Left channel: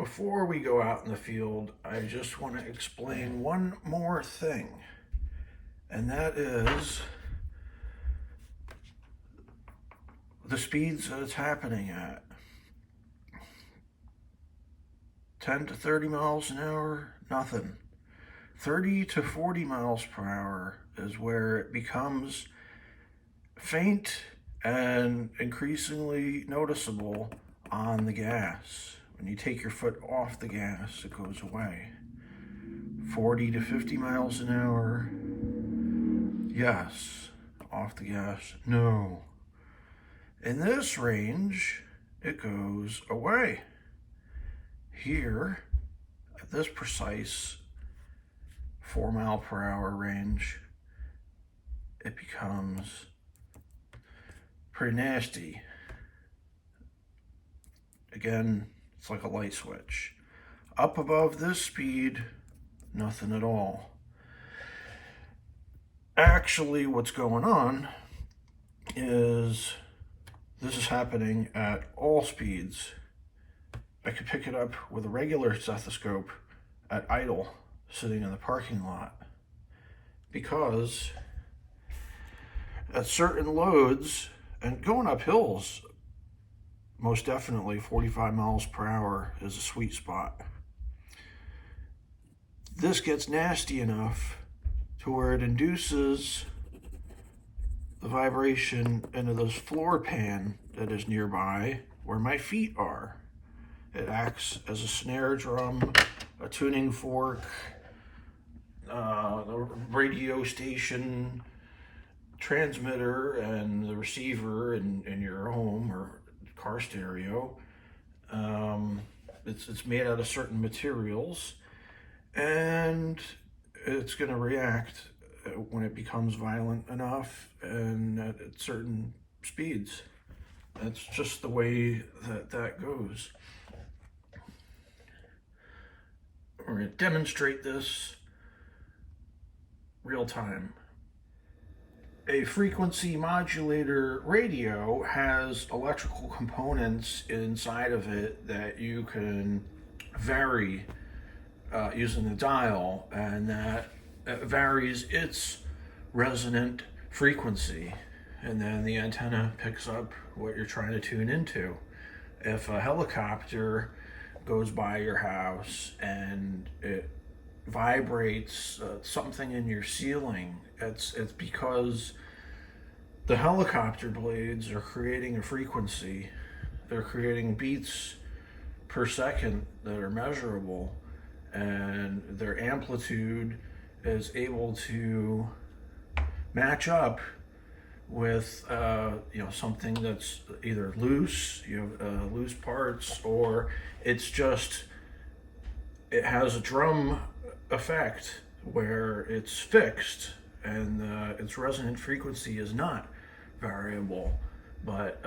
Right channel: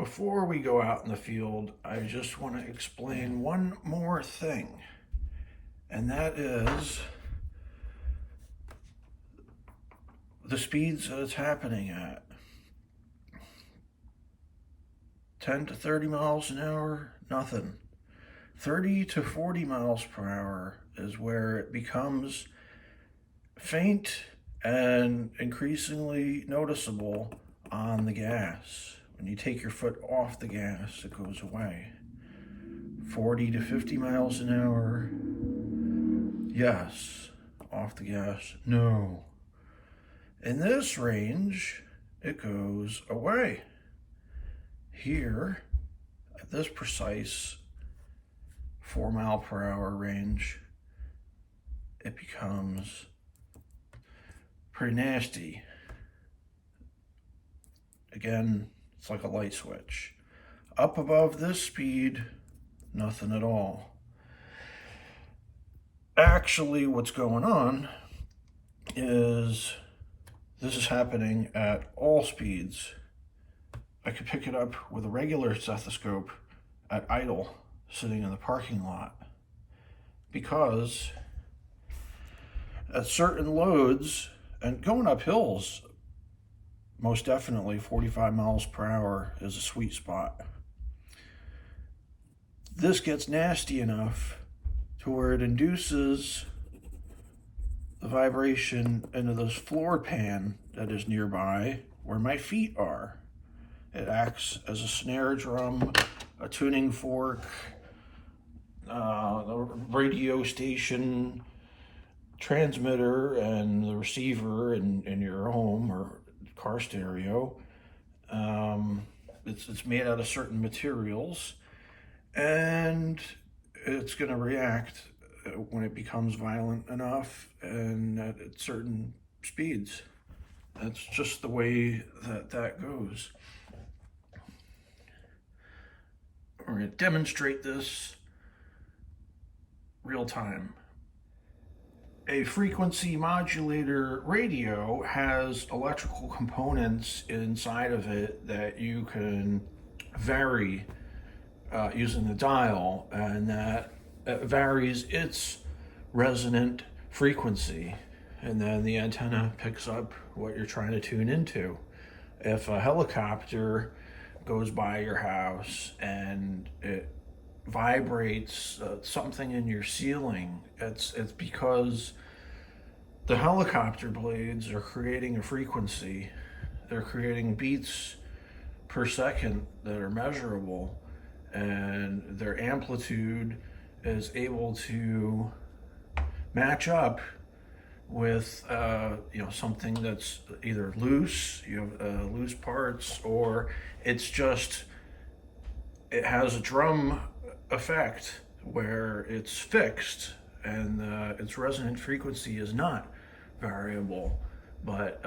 Before we go out in the field, I just want to explain one more thing, and that is the speeds that it's happening at. 10 to 30 miles an hour, nothing. 30 to 40 miles per hour is where it becomes faint and increasingly noticeable on the gas. When you take your foot off the gas, it goes away. 40 to 50 miles an hour, yes. Off the gas, no. In this range, it goes away. Here, at this precise 4 mile per hour range, it becomes pretty nasty. Again, it's like a light switch. Up above this speed, nothing at all. Actually, what's going on is this is happening at all speeds. I could pick it up with a regular stethoscope at idle, sitting in the parking lot, because at certain loads, and going up hills, most definitely 45 miles per hour is a sweet spot. This gets nasty enough to where it induces the vibration into this floor pan that is nearby where my feet are. It acts as a snare drum, a tuning fork, the radio station transmitter, and the receiver in your home or car stereo. It's made out of certain materials, and it's going to react when it becomes violent enough and at certain speeds. That's just the way that goes. We're going to demonstrate this real time. A frequency modulator radio has electrical components inside of it that you can vary using the dial, and that varies its resonant frequency, and then the antenna picks up what you're trying to tune into. If a helicopter goes by your house and it vibrates something in your ceiling, it's because the helicopter blades are creating a frequency. They're creating beats per second that are measurable, and their amplitude is able to match up with something that's either loose, loose parts, or it has a drum effect where it's fixed and its resonant frequency is not variable, but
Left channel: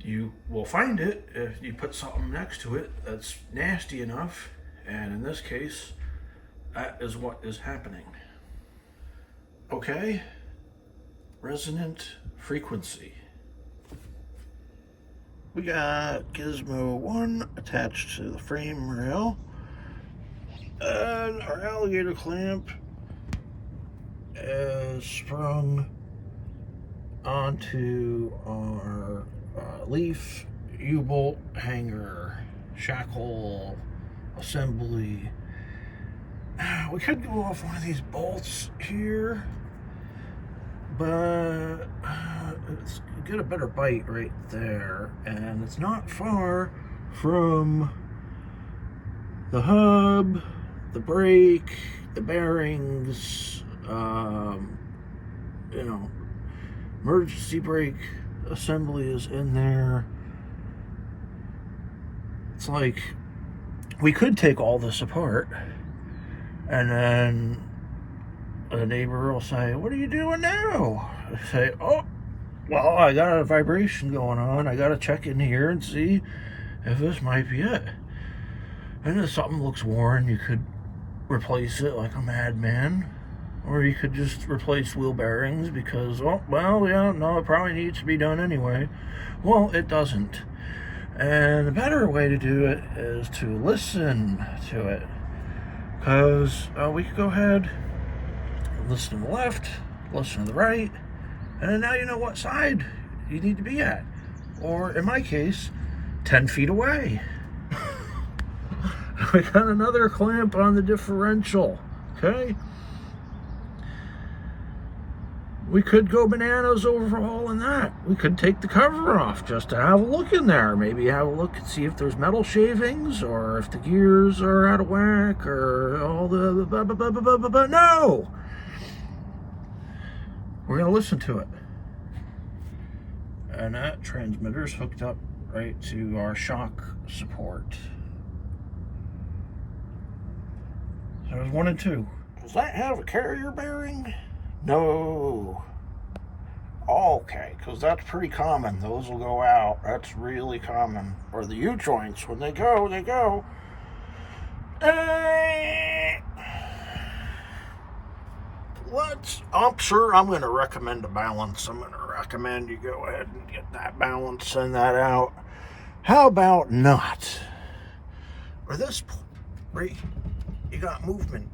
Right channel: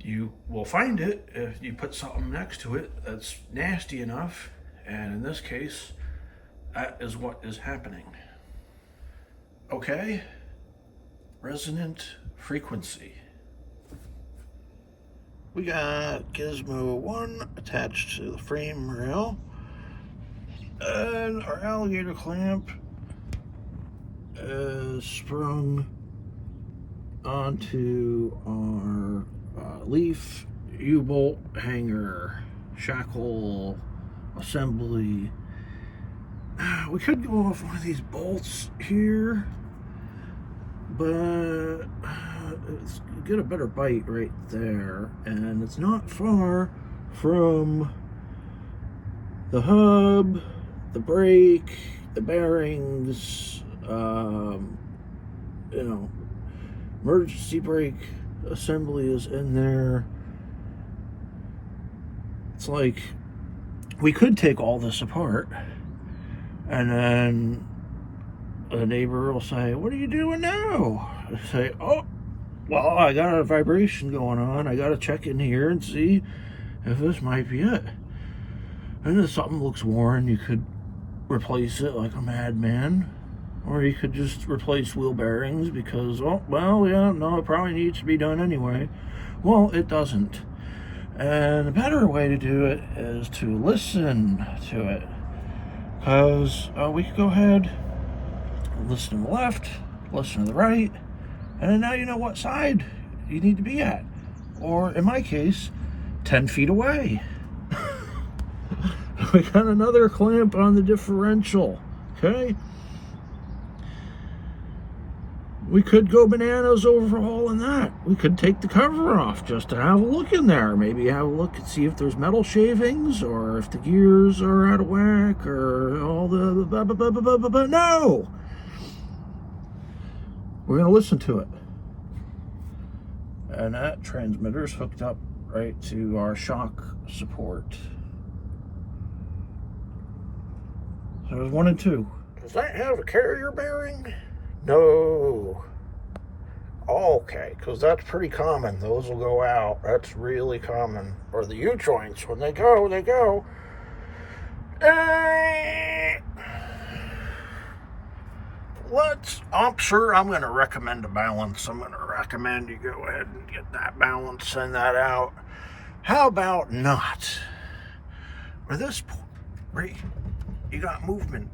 you will find it if you put something next to it that's nasty enough, and in this case, that is what is happening. Okay, resonant frequency. We got Gizmo 1 attached to the frame rail, and our alligator clamp is sprung onto our leaf U-bolt hanger shackle assembly. We could go off one of these bolts here, but it's get a better bite right there, and it's not far from the hub, the brake, the bearings, emergency brake assembly is in there. It's like we could take all this apart, and then a neighbor will say, "What are you doing now?" I say, "Oh, well, I got a vibration going on. I got to check in here and see if this might be it." And if something looks worn, you could replace it like a madman. Or you could just replace wheel bearings because, it probably needs to be done anyway. Well, it doesn't. And a better way to do it is to listen to it. Because we could go ahead, listen to the left, listen to the right, and now you know what side you need to be at. Or in my case, 10 feet away. We got another clamp on the differential, okay? We could go bananas overhauling that. We could take the cover off just to have a look in there. Maybe have a look and see if there's metal shavings or if the gears are out of whack or all the... No! We're going to listen to it. And that transmitter's hooked up right to our shock support. So there's 1 and 2. Does that have a carrier bearing? No. Okay, because that's pretty common. Those will go out. That's really common. Or the U-joints, when they go, they go. I'm sure I'm going to recommend a balance. I'm going to recommend you go ahead and get that balance, send that out. How about not? Or this point, right? You got movement.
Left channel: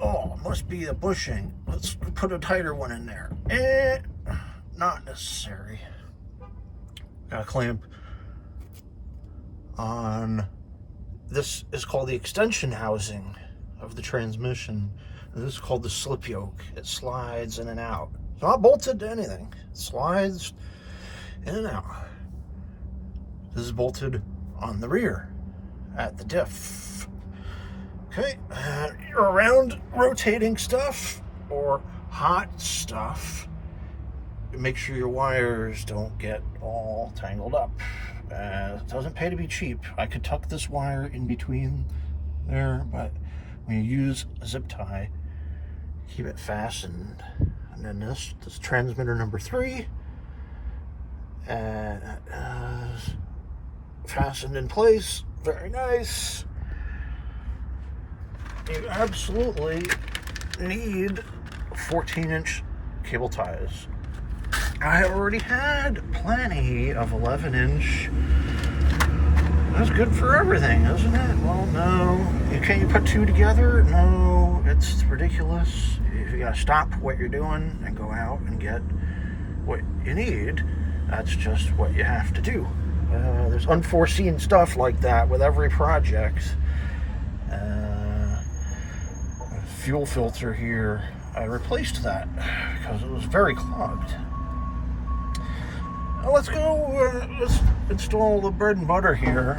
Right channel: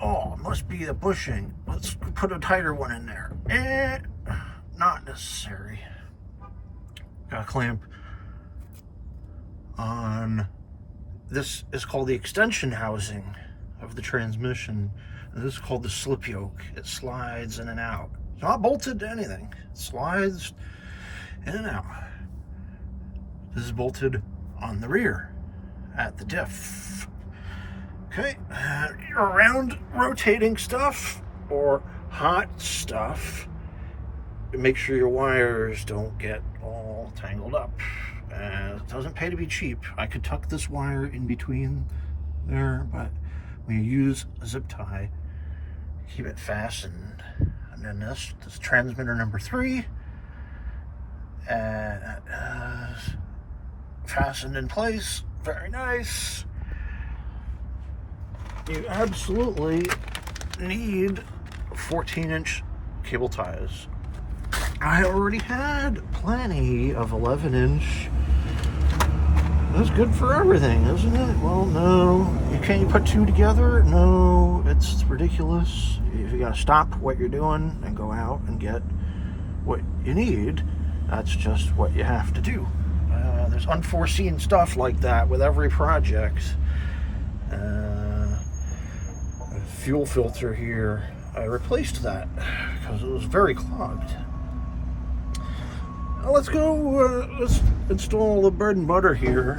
Oh, it must be the bushing. Let's put a tighter one in there. Not necessary. Got a clamp on, this is called the extension housing of the transmission. This is called the slip yoke. It slides in and out. It's not bolted to anything. It slides in and out. This is bolted on the rear at the diff. Okay, around rotating stuff or hot stuff, make sure your wires don't get all tangled up. It doesn't pay to be cheap. I could tuck this wire in between there, but when you use a zip tie, keep it fastened. And then this transmitter number 3, fastened in place. Very nice. You absolutely need 14-inch cable ties. I already had plenty of 11-inch. That's good for everything, isn't it? Well, no. Can you put 2 together? No, it's ridiculous. You gotta stop what you're doing and go out and get what you need. That's just what you have to do. There's unforeseen stuff like that with every project. Fuel filter here, I replaced that because it was very clogged. Now let's go, let's install the bread and butter here,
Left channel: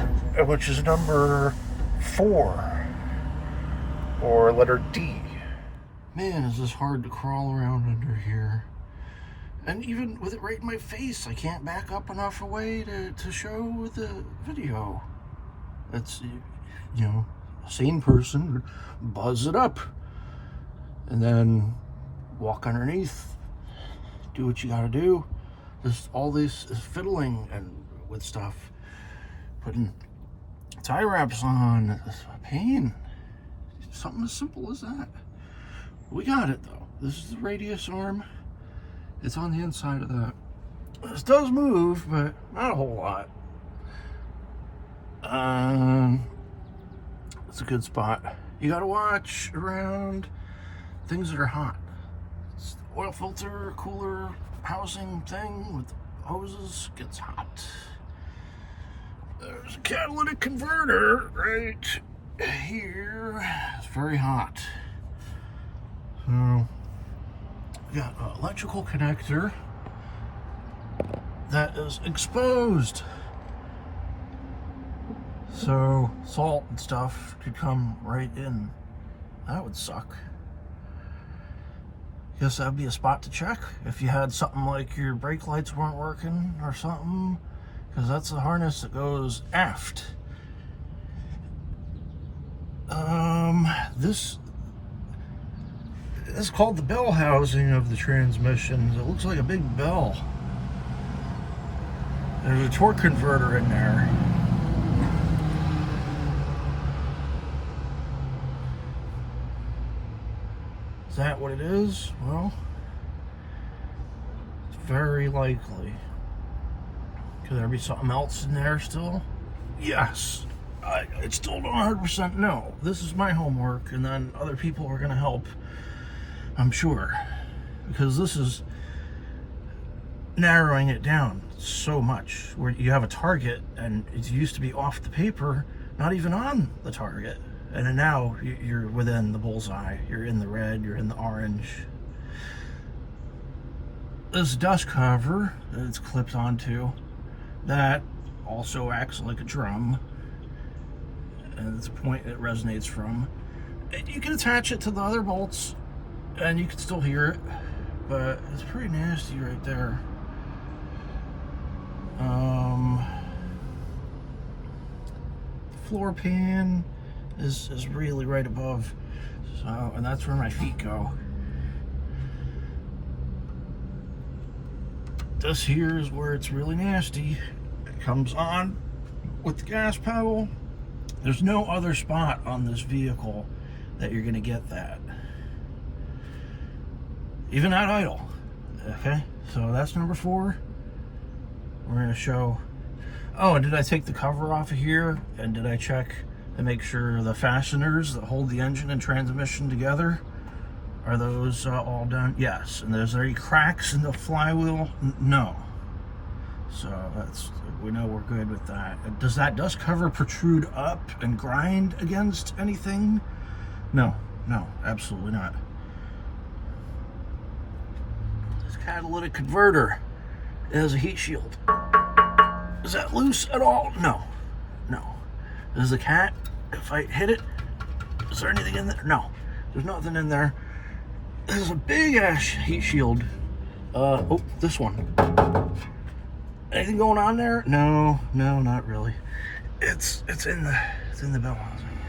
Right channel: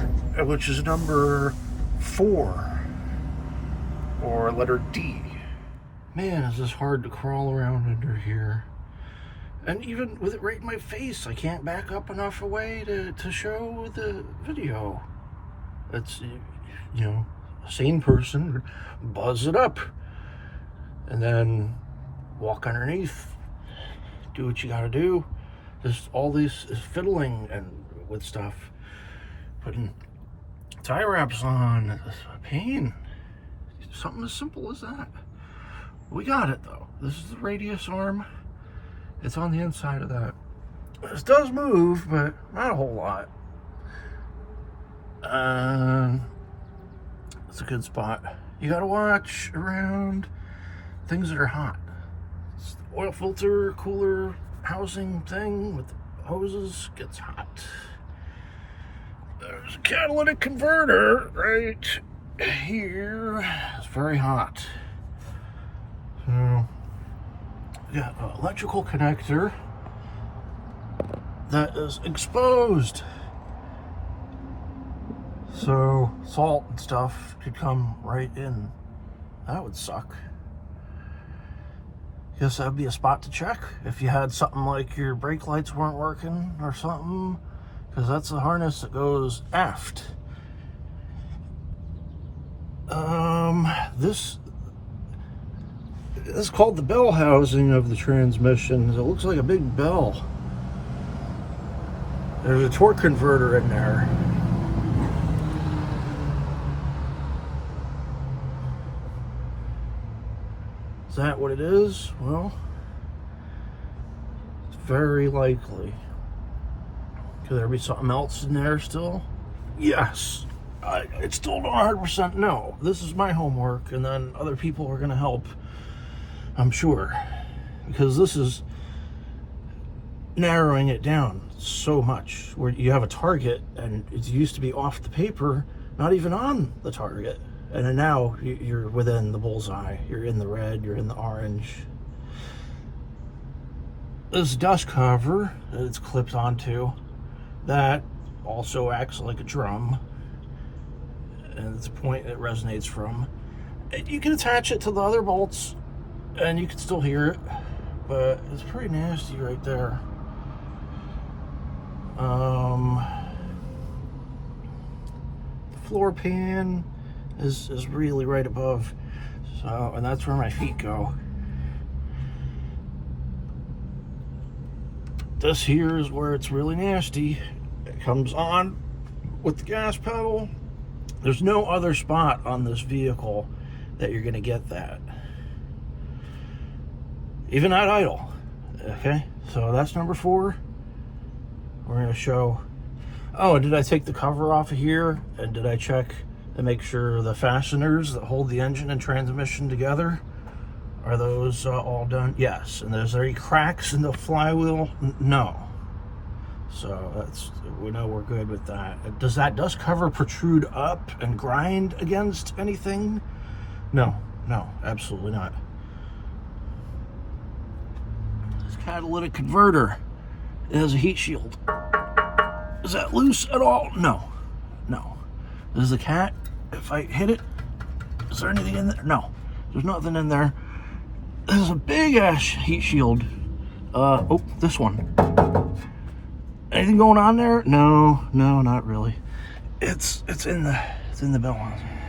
which is number 4, or letter D. Man, is this hard to crawl around under here. And even with it right in my face, I can't back up enough away to show the video. It's, you know, a sane person, buzz it up. And then walk underneath, do what you gotta do. Just all this is fiddling and with stuff, putting tie wraps on, it's a pain. Something as simple as that. We got it though. This is the radius arm. It's on the inside of that. This does move, but not a whole lot. It's a good spot. You gotta watch around things that are hot. It's the oil filter, cooler housing thing with hoses gets hot. There's a catalytic converter right here. It's very hot. So we got an electrical connector that is exposed. So salt and stuff could come right in. That would suck. Guess that'd be a spot to check if you had something like your brake lights weren't working or something, because that's the harness that goes aft. This is called the bell housing of the transmission. It looks like a big bell. There's a torque converter in there. Is that what it is? Well, it's very likely. Could there be something else in there still? Yes. It's still not 100% no. This is my homework, and then other people are going to help, I'm sure. Because this is narrowing it down so much, where you have a target, and it used to be off the paper, not even on the target. And then now you're within the bullseye. You're in the red, you're in the orange. This dust cover that it's clipped onto, that also acts like a drum. And it's a point it resonates from. And you can attach it to the other bolts, and you can still hear it, but it's pretty nasty right there. Floor pan is really right above, so, and that's where my feet go. This here is where it's really nasty. It comes on with the gas pedal. There's no other spot on this vehicle that you're gonna get that. Even at idle. Okay, so that's number 4. We're gonna show, oh, did I take the cover off of here? And did I check to make sure the fasteners that hold the engine and transmission together, are those all done? Yes. And there's any cracks in the flywheel? No. So that's, we know we're good with that. Does that dust cover protrude up and grind against anything? No, absolutely not. This catalytic converter is a heat shield. Is that loose at all? No. Does the cat, if I hit it, is there anything in there? No, there's nothing in there. There's a big ass heat shield. Oh, this one. Anything going on there? No, not really. It's in the bell housing.